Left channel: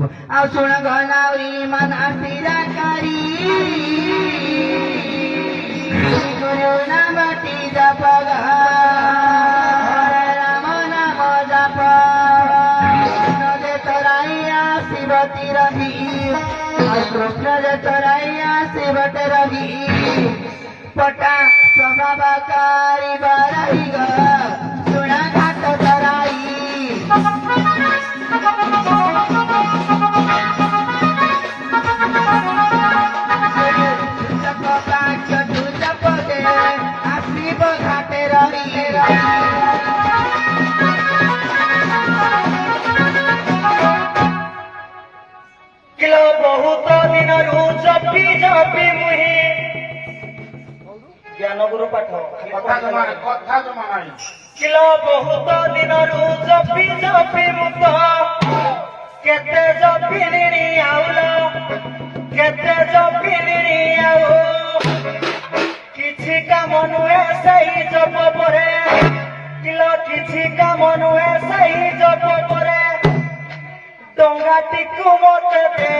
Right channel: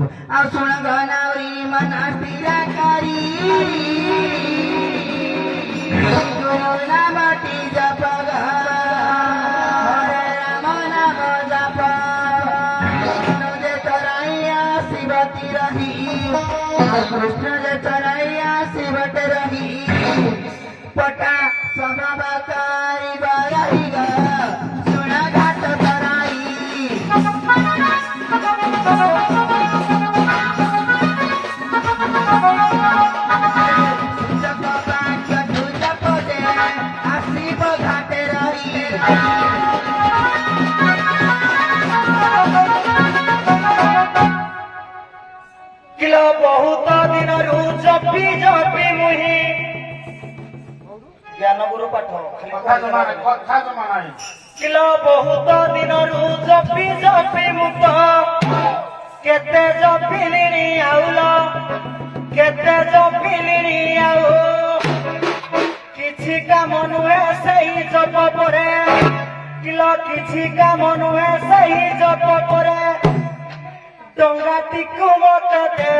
सुन गनावरी मन स्थिर करी गुरु नाम टी जप राम नाम जप जे तराइया शिवती रही कृष्ण जे तराइया शिवट रही पटा स्वभावकारी बरही ग सुना घाट तराई किलो बहुत दिन जपी जपी मुही ज्ञान गुरु पाठ किलो बहुत दिन जपी जपी मुत केते जपिली आउल केते जपिली आउ किछि काम नुहे सही जप परे किलो किछि काम नुहे सही जप परे डंगाटी को मत दे